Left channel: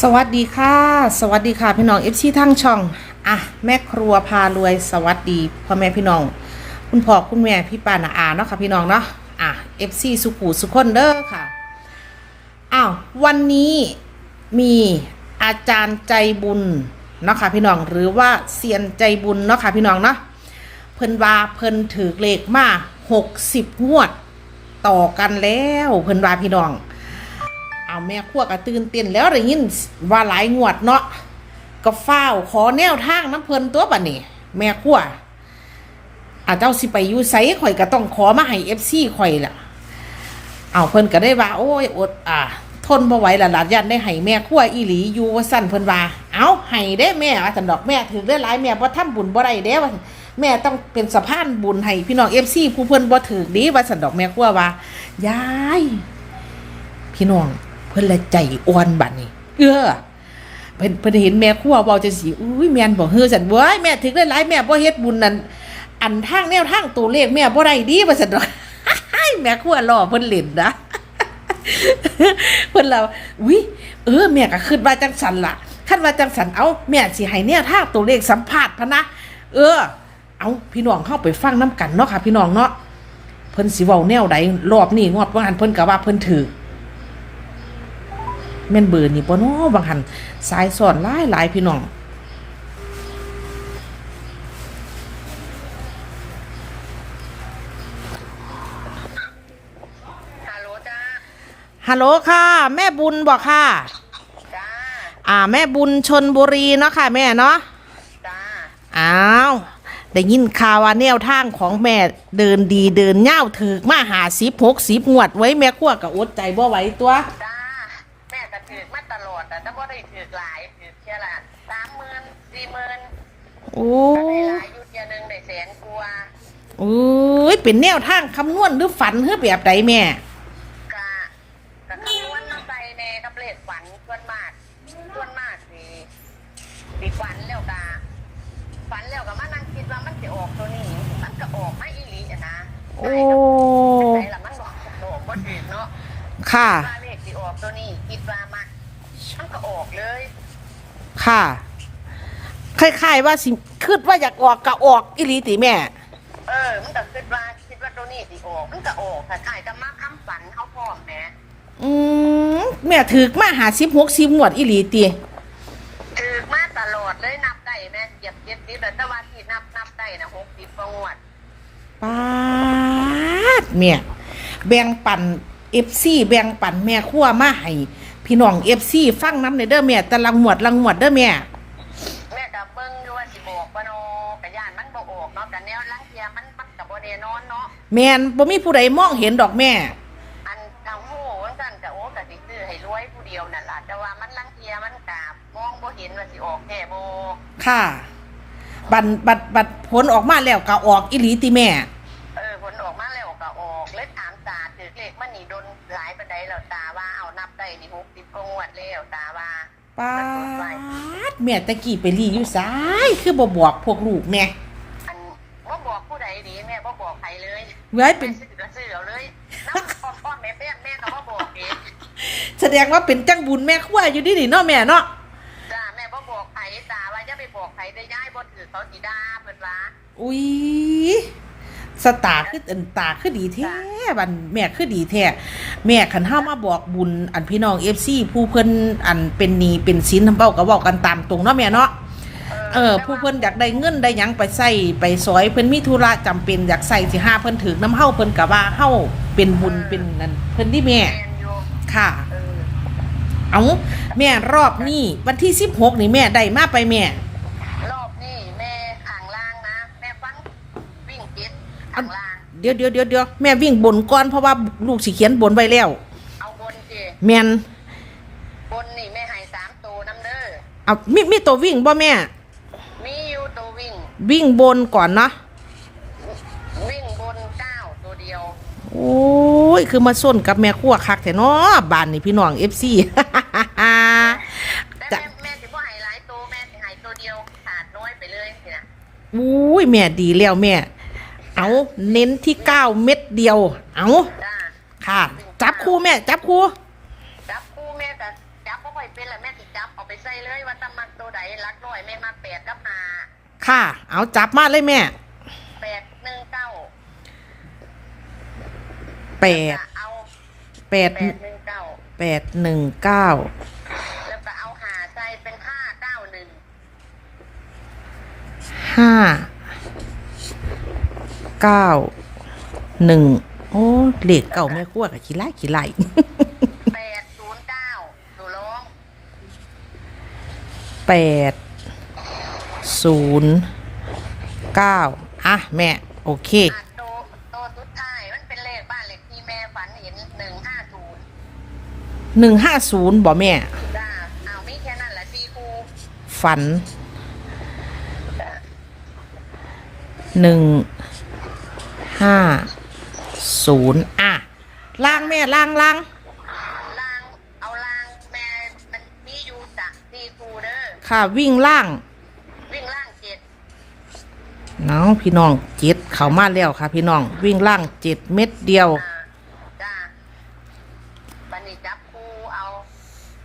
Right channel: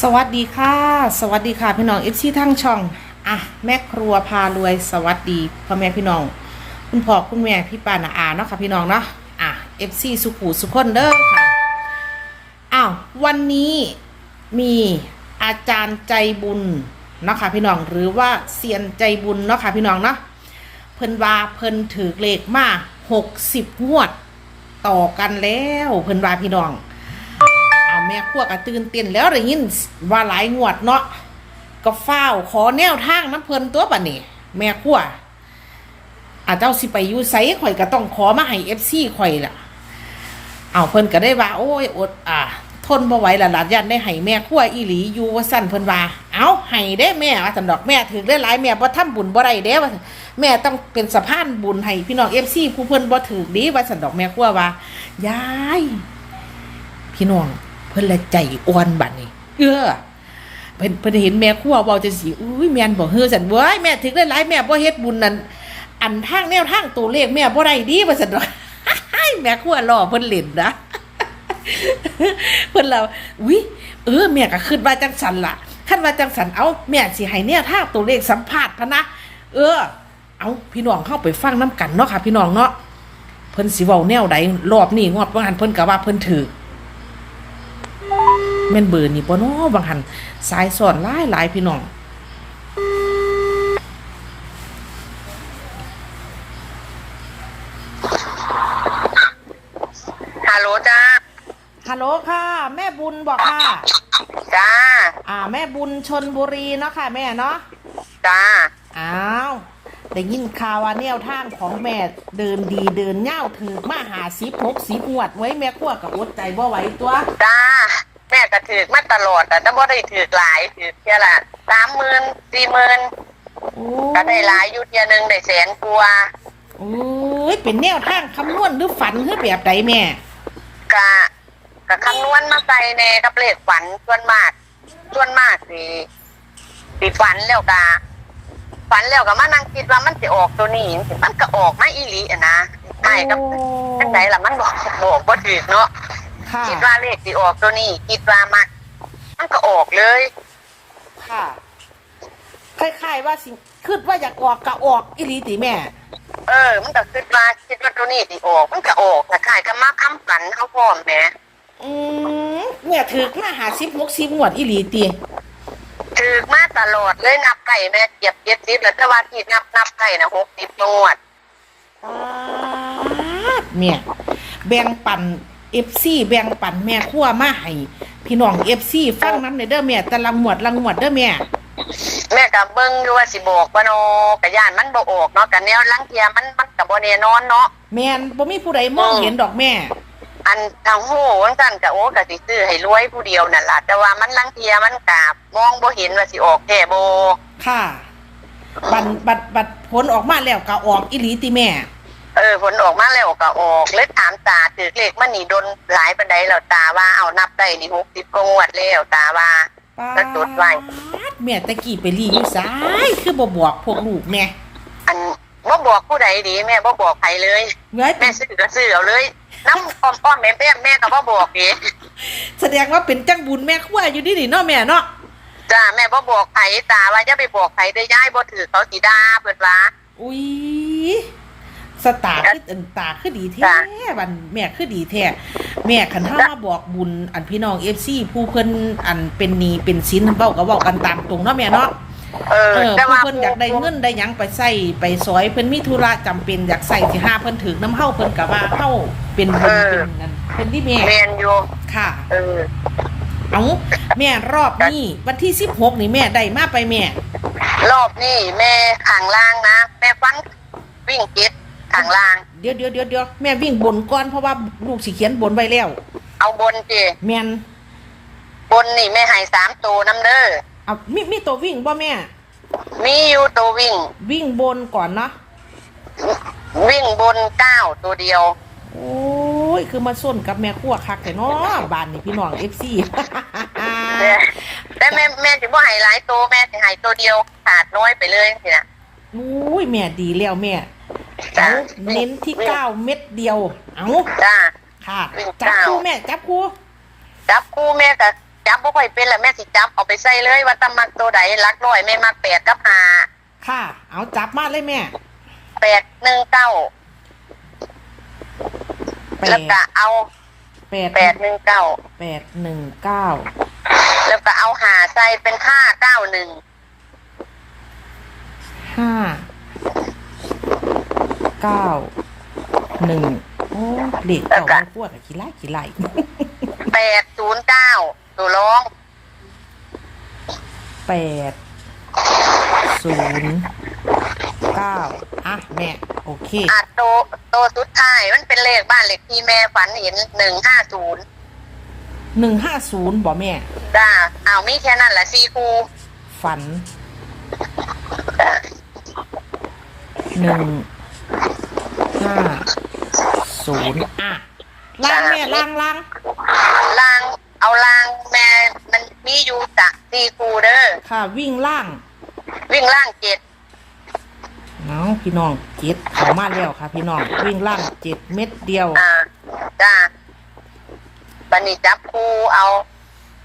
สวัสดีค่ะ สวัสดีค่ะพี่น้องเอฟซีทั้งช่องอะแม่ครัวพารวยสวัสดีพ่อแม่พี่น้อง คุณพ่อคุณแม่พี่ป้านาอาเนาะค่ะพี่น้องเนาะอะเอฟซีสุขุสุขคนเด้อค่ะอ้าววันนี้มีอาจารย์ใจบุญเนาะค่ะพี่น้องหรือว่าเซียนใจบุญเนาะค่ะพี่น้องเนาะเพิ่นว่าเพิ่นถือเลขมาหกสิบงวด ต่อกันแล้วเพิ่นว่าพี่น้อง แม่ขั้วกระตื่นเต้นแล้วได้ยินว่าหลายงวดเนาะก็เฝ้าขอแนวทางน้ำเพลินตัวบัดนี้แม่ขั้วอาเจ้าสิไปยูไสข่อยก็ต้องขอมาให้เอฟซีข่อยล่ะ เอาเพิ่นก็ได้ว่า โอ้ยอดอ่า ทนบ่ไหวละหลานยันได้ให้แม่ขั้วอีหลีอยู่ว่าสั่นเพิ่นว่า เอาให้ได้แม่ว่าสันดอกแม่ถือได้หลายแม่บ่ทำบุญบ่ได้เด้ว่าแม่ต้องเป็นสะพานบุญให้พี่น้องเอฟซีผู้เพิ่นบ่ถือดีว่าสันดอกแม่ขั้วว่า ยาย พี่น้อง เพิ่นละใจอ่อนบัดนี้เออเพิ่นเพิ่นเห็นแม่ครัวเว้าจังซี่อุ้ยแม่นบ่เฮือซั่นเว้ยแม่ถึงได้หลายแม่บ่เฮ็ดบุญนั่นอันทางแนวทางตัวเลขแม่บ่ได้ดีว่าซั่นดอกแม่ครัวล้อเพิ่นเล่นนะเพิ่นเราอุ้ยเออแม่ก็คิดว่าจังสันล่ะคันว่าจังสันเอาแม่สิให้แนวทางตัวเลขสัมภาษณ์พะนะเออ เอาพี่น้องเข้าไปฟังน้กันเนาะค่ะ พี่น้องเนาะเพิ่นสิเว้าแนวใดรอบนี้งวดว่าหันเพิ่นก็ว่าเพิ่นถือ แม่นเบอร์นี่ปะเนาะบางหันสายสอนหลายหลายพี่น้องฮัลโหลจ้าฮัลโหลค่ะ แม่บุญบอกค่ะ จ้า อ่า แม่บุญชนบุรีเนาะค่ะ แม่เนาะจ้าอ้าวได้ยินข่าวว่าแนวทางของแม่เดินดีเดินเง่าวถือมาหาสิบหกสิบงวดไว้แม่ขั้วกับอดใจบ่ไหวตัว จ้า แม่ก็ถือมาตลอดแต่ถ้าบ่ได้ถือหลายถือแค่ละสามหมื่นสี่หมื่นโอ้ก็ได้หลายอยู่เทียหนึงได้แสนกว่าโอ้ยเป็นแนวทางคำนวณหรือฝันหรือแบบใดแม่กะกะคำนวณมาใส่ในกับเลขฝันส่วนมากส่วนมากสิสิฝันแล้วกะฝันแล้วก็มานั่งคิดว่ามันจะออกตัวนี้มันก็ออกมาอีหลีอะนะใช่กับโอ้จังไหนล่ะมันบอกบอกบ่ถูกเนาะ ค่ะ คิดว่าเลขที่ออกตัวนี้คิดว่ามักมันก็ออกเลยค่ะ คล้ายๆว่าสิคิดว่าอยากออกก็ออกอีหลีติแม่ เออ มันก็คิดว่าคิดว่าตัวนี้ที่ออกมันก็ออกแต่ขายก็มาค้ำฝันเขาพร้อมแหมอืมแม่ถือมาหาสิบหกสิบงวดอีหลีตีถือมาตลอดเลยนับไก่แม่เก็บเก็บสิบแล้วแต่ว่าที่นับนับไก่นะหกสิบงวด ปาดแม่แบ่งปัน เอฟซีแบ่งปันแม่ขั้วมาให้พี่น้องเอฟซีฟังน้ำในเด้อแม่แต่ละงวดละงวดเด้อแม่ แม่ก็เบิ่งอยู่ว่าสิบอกว่าโนกะย่านมันบ่ออกเนาะกะแนวลังเทียมันมันก็บ่แน่นอนเนาะแม่นบ่มีผู้ใดมองเห็นดอกแม่ อันทางหูจังซั่นก็โอ้ก็สิซื้อให้รวยผู้เดียวนั่นล่ะแต่ว่ามันลังเทียมันก็มองบ่เห็นว่าสิออกแท้บ่ค่ะ บันบัดบัดผลออกมาแล้วก็ออกอีหลีติแม่ เออผลออกมาแล้วก็ออกเลยถามตาถือเลขมันนี่โดนหลายปานใดแล้วตาว่าเอานับได้นี่60กว่างวดแล้วตาว่าปาแล้วจดไว้ ดแม่ตะกี้ไปรีอยู่ซ้ายคือบ่บอกพวกลูกแม่อันบ่บอกผู้ใดดีแม่บ่บอกใครเลย เว้ยเป็แม่นซื้อก็ซื้อเอาเลยน้ำอ้อมอ้อมแม่แม่แม่ก็บ่บอกดีแสดงว่าเป็นจังบุญแม่ขั้วอยู่นี่นี่เนาะแม่เนาะจ้าแม่บ่บอกใครตาว่าอย่าไปบอกใครได้อย่าให้บ่ถือเขาสิด่าเพิ่นว่าอุ้ย สตาร์คืออันตาคือดีแท้จ้ะบันแม่คือดีแท้แม่คันเฮามาบอกบุญอันพี่น้อง FC ผู้เพิ่นอันเป็นหนี้เป็นสินเว้าก็เว้ากันตามตรงเนาะแม่เนาะเออเออแต่ผู้ว่าเพิ่นอยากได้เงินได้หยังไปใช้ไปซอยเพิ่นมีธุระจำเป็นอยากใส่สิหาเพิ่นถึกน้ำเฮาเพิ่นก็ว่าเฮาเป็นบุญเป็นนั่นเพิ่นที่แม่แม่นอยู่ค่ะ เออเอาแม่รอบนี้วันที่16นี่แม่ได้มาไปแม่ รอบนี้แม่ข้างล่างนะ แม่ฟันวิ่งเก็ด ข้างล่าง เดี๋ยวเดี๋ยวเดี๋ยวเดี๋ยวแม่วิ่งบนก่อนเพราะว่าลูกสิเขียนบนไว้แล้ว เอาบนสิแม่นบนนี่แม่ให้สามตัวน้ำเด้อเอามีมีตัววิ่งบ่แม่ มีอยู่ตัววิ่ง วิ่งบนก่อนเนาะวิ่งบนเก้าตัวเดียว โอ้ยคือมาส้นกับแม่ขั้วคักแต่เนาะบ้านนี่พี่น้องเอฟซี แต่แต่แม่แม่ถึงว่าให้หลายตัวแม่ถึงให้ตัวเดียวขาดน้อยไปเลยสินะ อุ้ยแม่ดีแล้วแม่ เอาเน้นที่เก้าเม็ดเดียว เอาจ้าค่ะวิ่งจับเก้าคู่แม่จับคู่จับคู่แม่กับจับบ่ค่อยเป็นแหละแม่สิจับเอาไปใส่เลยว่าตำมักตัวใดรักร้อยแม่มักแปดกับห้าค่ะ เอาจับมาเลยแม่แปดหนึ่งเก้าแปแล้วดก็เอาแปดแปดหนึ่งเก้าแปดหนึ่งเก้าแล้วก็เอาหาใส่เป็นห้าเก้าหนึ่งห้า เก้าหนึ่งโอ้เลขเก่าแม่กลัวกับขี้ไล่ขี้ไล่แปดศูนย์เก้าตัวร้องแปดศูนย์เก้าอะแม่โอเคอะตัวตัวสุดท้ายมันเป็นเลขบ้านเลขที่แม่ฝันเห็นหนึ่งห้าศูนย์หนึ่งห้าศูนย์บ่แม่จ้าเอามีแค่นั้นแหละซีคูฝันจ้าหนึ่ง ห้าศูนย์อะล่างแม่ล่างล่างลางเอาลางแม่มันมีอยู่จ้ะซีคูเด้อค่ะ วิ่งล่าง วิ่งล่างเจ็ดเนาะพี่น้องเจ็ดเข้ามาแล้วค่ะ พี่น้องวิ่งล่างเจ็ดเม็ดเดียวอ่าจ้าบันนี้จับคูเอา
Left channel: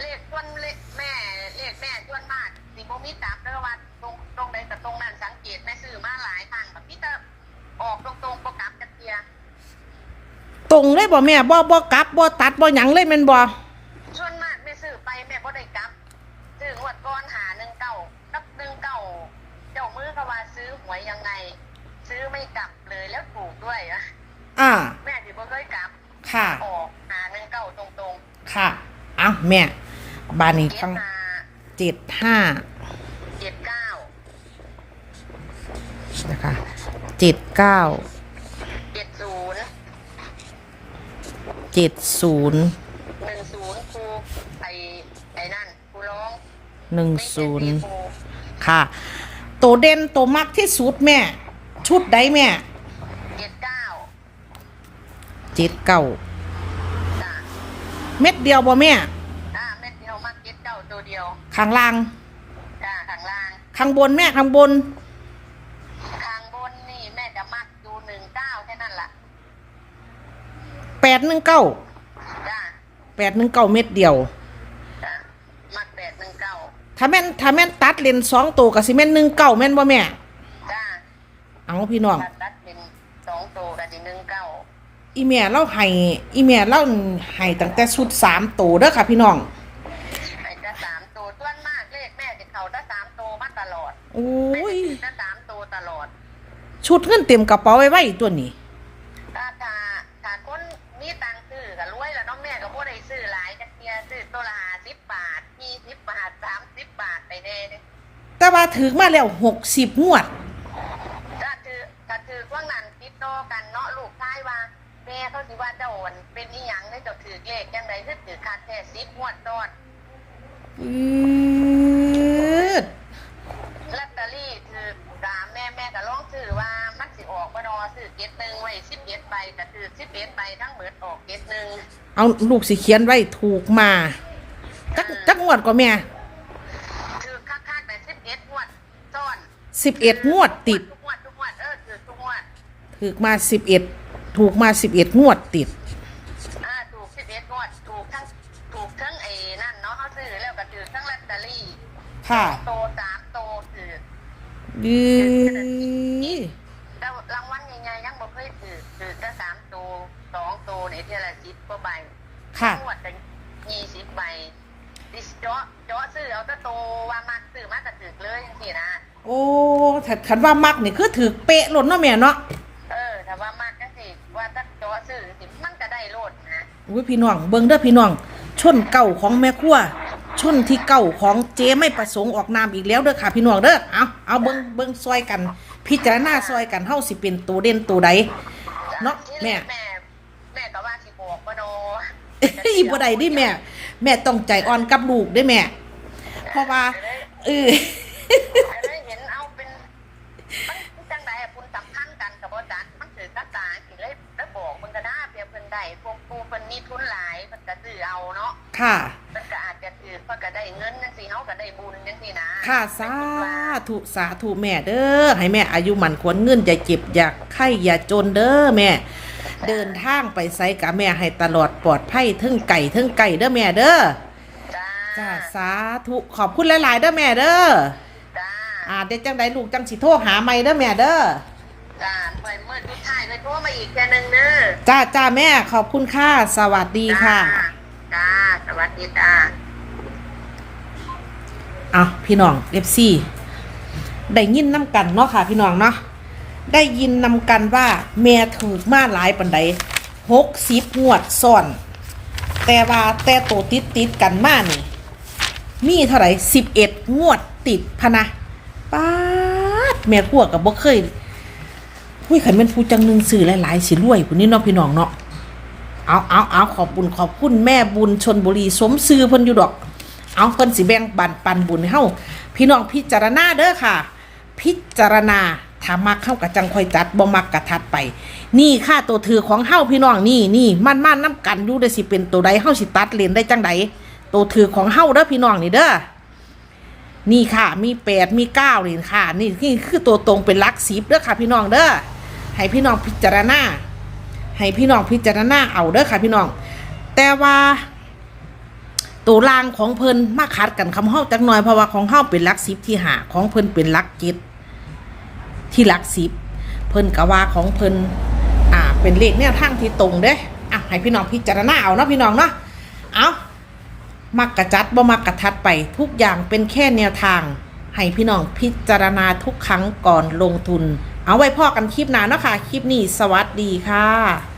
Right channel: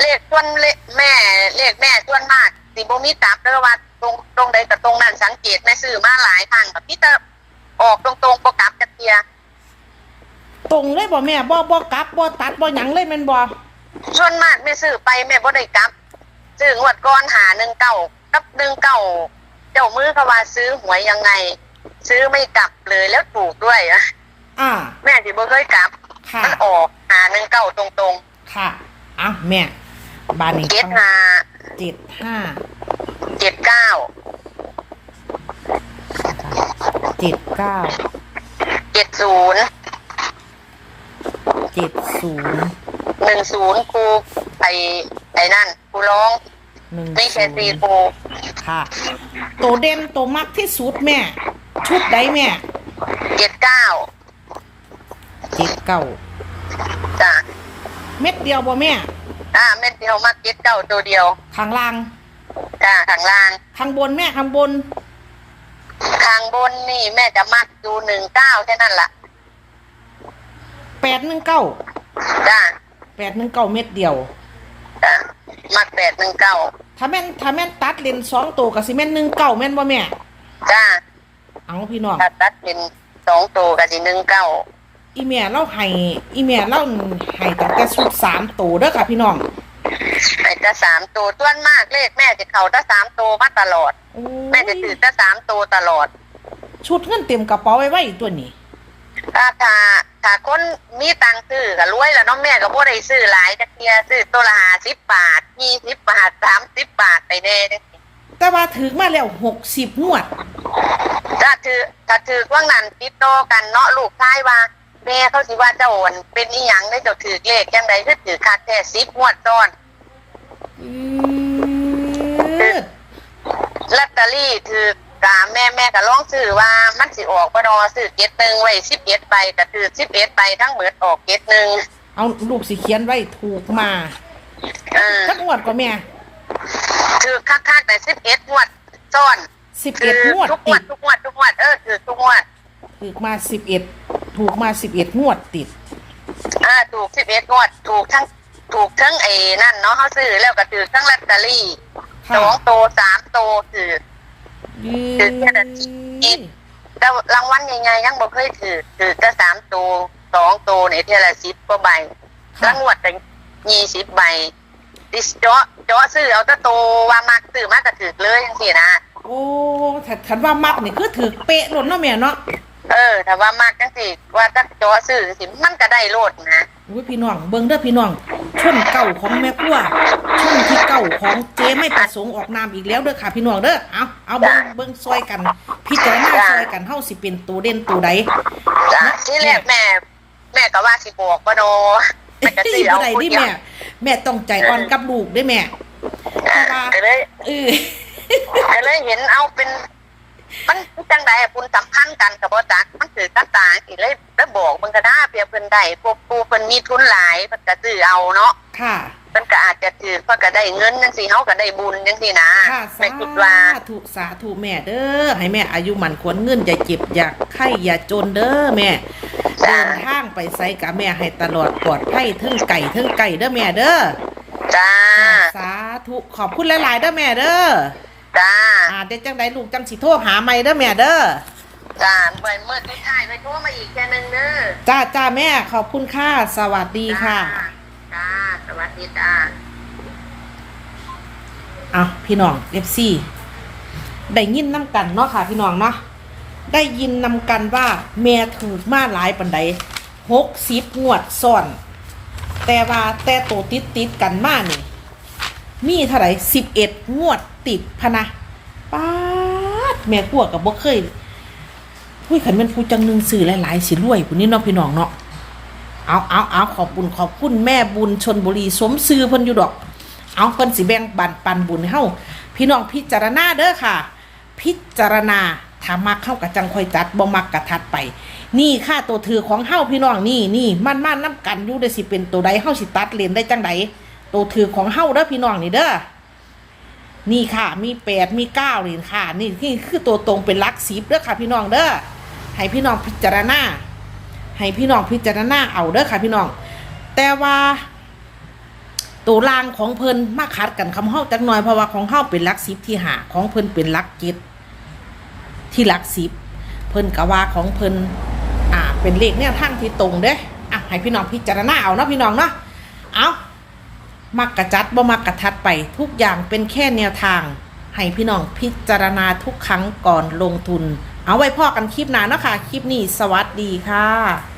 เลขส่วนเลขแม่ เลขแม่ส่วนมากสิบ่มีจับเด้อว่าตรงตรงใดกับตรงนั้นสังเกตแม่ซื้อมาหลายครั้งแบบพี่เตอ ออกตรงๆประกับจักเทียตรงเลยบ่แม่บ่บ่กลับบ่ตัดบ่หยังเลยแม่นบ่ส่วนมากแม่ซื้อไปแม่บ่ได้กลับซื้องวดก้อนหาหนึ่งเก้ากับหนึ่งเก้าเจ้ามือเขาว่าซื้อหวยยังไง ซื้อไม่กลับเลยแล้วถูกด้วยอะอ่าแม่สิบ่เคยกลับค่ะมันออกหาหนึ่งเก้าตรงค่ะเอ้าแม่บานนี้ๆเจ็ดต้องหาเจ็ดห้าเจ็ดเก้า เจ็ดเก้าเจ็ดศูนย์เจ็ดศูนย์หนึ่งศูนย์ครูไอไอ้นั่นครูร้องหนึ่งนี่ศูแค่นสี่ย์ครูค่ะ ตัวเด่นตัวมักที่สุดแม่ ชุดใดแม่เจ็ดเก้าเจ็ดเก้าจ้ะเม็ดเดียวบ่แม่ อ่าเม็ดเดียวมาเจ็ดเก้าตัวเดียวข้างล่าง จ้ะข้างล่างข้างบนแม่ข้างบน ข้างบนนี่แม่จะมักดูหนึ่งเก้าแค่นั้นล่ะแปดหนึ่งเก้าจ้ะแปดหนึ่งเก้าเม็ดเดียว จ้ะมักแปดหนึ่งเก้าถ้าแม่นถ้าแม่นตัดเลนสองตัวกับสิแม่นหนึ่งเก้าแม่นบ่แม่ จ้ะเอาพี่น้อง ถ้าตัดเป็นสองตัวกับสิหนึ่งเก้าอีเมียเล่าให้อีเมียเล่าให้ตั้งแต่ชุดสามตัวเด้อค่ะพี่น้อง ไอ้จะสามตัวต้วนมากเลขแม่จะเขาถ้าสามตัวมาตลอด โอ้แม่ยจะถือถ้าสามตัวตลอด ชุดเงินเต็มกระเป๋าไว้ไว้ตัวนี้ ถ้าถ้าถ้าคนมีตังค์ซื้อก็รวยแล้วเน้องแม่ก็บ่ได้ซื้อหลายจักเทียซื้อตัวละห้าสิบบาทยี่สิบบาทสามสิบบาทไปแน่เด้แต่ว่าถึงมาแล้วหกสิบงวด ถ้าถือถ้าถือว่างนั้นติดโตอกันเนาะลูกชายว่า แม่เขาสิว่าเจ้าโอนเป็นอีหยังได้เจ้าถือเลขจังใดคือถือคักแท้สิบงวดซ้อนอืดลอตเตอรี่ถือกาแม่แม่ก็ลองซื้อว่ามันสิออกบ่ดอซื้อเก็ดหนึ่งไว้สิบเอ็ดใบก็ถือสิบเอ็ดใบทั้งหมดออกเก็ดหนึ่งเอาลูกสิเขียนไว้ถูกมาเออจักงวดก็แม่ถือคักๆแต่สิบเอ็ดงวดซ้อนสิบเอ็ดงวดทุกงติวดดทุกงวดทุกงวดเออถือทุกงวดถูกมาสิบเอ็ด ถูกมาสิบเอ็ดงวดติด อ่าถูกสิบเอ็ดงวด ถูกทั้งถูกทั้งไอ้นั่นเนาะเขาซื้อแล้วก็ถือทั้งลอตเตอรี่สค่ะองโตสามโตถือ ดีแต่รางวัลใหญ่ๆยังบ่เคยถือถือแต่สามโตสองโตในเทยละสิบกว่าใบค่ะ ทั้งงวดแต่ยี่สิบใบดิเจาะเจาะซื้อเอาแต่โตว่ามักซื้อมากก็ถือเลยจังซี่นะ โอ้ถ้าคันว่ามักนี่คือถือเป๊ะหล่นเนาะแม่เนาะ เออถ้าว่ามักจังซี่ว่าถ้าเจาะซื้อจังซี่มันก็ได้โลดนะโอ้ยพี่น้องเบิ่งเด้อพี่น้องชนเก่าของแม่กลัวชนที่เก่าของเจ๊ไม่ประสงค์ออกนามอีกแล้วเด้อค่ะ พี่น้องเด้อเอาเอาเบิ่งเบิ่งซอยกันพิจารณาซอยกันเฮาสิเป็นตัวเด่นตัวใดจ้ะเนาะที่แรกแม่ แม่ก็ว่าสิบอกว่าโนแต่ก็สิบ่ได้ดิแม่ แม่ต้องใจอ่อนกับลูกเด้อแม่เพราะว่าก็เลยเออก็เลยเห็นเอาเป็น มันจังใดอะคุณสัมพันธ์กันกับบ่จักมันถือกระตางสิเลยแล้วบอกมันก็ได้เปรียบเพิ่นได้พวกปูเพิ่นมีทุนหลายเพิ่นก็ซื้อเอาเนาะค่ะเพิ่นก็อาจจะถือเพิ่นก็ได้เงินจังซี่เฮาก็ได้บุญจังซี่นะค่ะสาไม่คิดว่าธุสาธุแม่เด้อให้แม่อายุมันควรเงินอย่าเจ็บอย่าไข้อย่าจนเด้อแม่เดินทางไปไสกับแม่ให้ตลอดปลอดภัยเทั้งไก่เทั้งไก่เด้อแม่เด้อจ้าสาธุขอบคุณหลายๆเด้อแม่เด้อ จ้าอ่าเด็กจังใดลูกจังสิโทรหาใหม่เด้อแม่เด้อจ้าเมื่อเมื่อที่ถ่ายไปโทรมาอีกแค่นึงเด้อจ้าจ้าแม่ขอบคุณค่ะสวัสดีค่ะจ้าสวัสดีจ้าอะพี่น้องเอฟซีได้ยินน้ำกันเนาะค่ะพี่น้องเนาะได้ยินนำกันว่าแม่ถูกมาหลายปันใดหกสิบงวดซ้อน แต่ว่าแต่โตติดติดๆกันมานี่มีเท่าไหร่สิบเอ็ดงวดติดพะนะ ป้าดแม่พวกกับบ่เคยผู้ยขันเป็นผู้จังหนึ่งสื่อหลายๆสิรวยผู้นี้เนาะพี่น้องเนาะเอาเอาเอาขอบบุญขอบคุณแม่บุญชนบุรีสมซื้อเพิ่นอยู่ดอก เอาเพิ่นสิแบ่งปันปันบุญให้เฮาพี่น้องพิจารณาเด้อค่ะ พิจารณาถ้ามักเข้ากับจังคอยจัดบ่มักกะทัดไป นี่ค่าตัวถือของเฮาพี่น้องนี่นี่มันมันน้ำกันอยู่ได้สิเป็นตัวใดเฮาสิตัดเลนได้จังใดตัวถือของเฮาเด้อพี่น้องนี่เด้อ นี่ค่ะ มีแปดมีเก้าเหรียค่ะ นี่นี่คือตัวตรงเป็นลักสิบเด้อค่ะ พี่น้องเด้อให้พี่น้องพิจารณาให้พี่น้องพิจารณาเอาเด้อค่ะ พี่น้อง แต่ว่าตัวลางของเพิ่นมาคัดกันคำเฮาจักหน่อยเพราะว่าของเฮาเป็นลักสิบที่หาของเพิ่นเป็นลักเจ็ดที่ลักสิบเพิ่นกะว่าของเพิ่นอ่าเป็นเลขแนวทางที่ตรงเด้อะให้พี่น้องพิจารณาเอาเนาะพี่น้องเนาะเอา มักกะจัดบ่มักกะทัดไปทุกอย่างเป็นแค่แนวทาง ให้พี่น้องพิจารณาทุกครั้งก่อนลงทุน เอาไว้พ่อกันคลิปหน้าเนาะค่ะ คลิปนี้สวัสดีค่ะ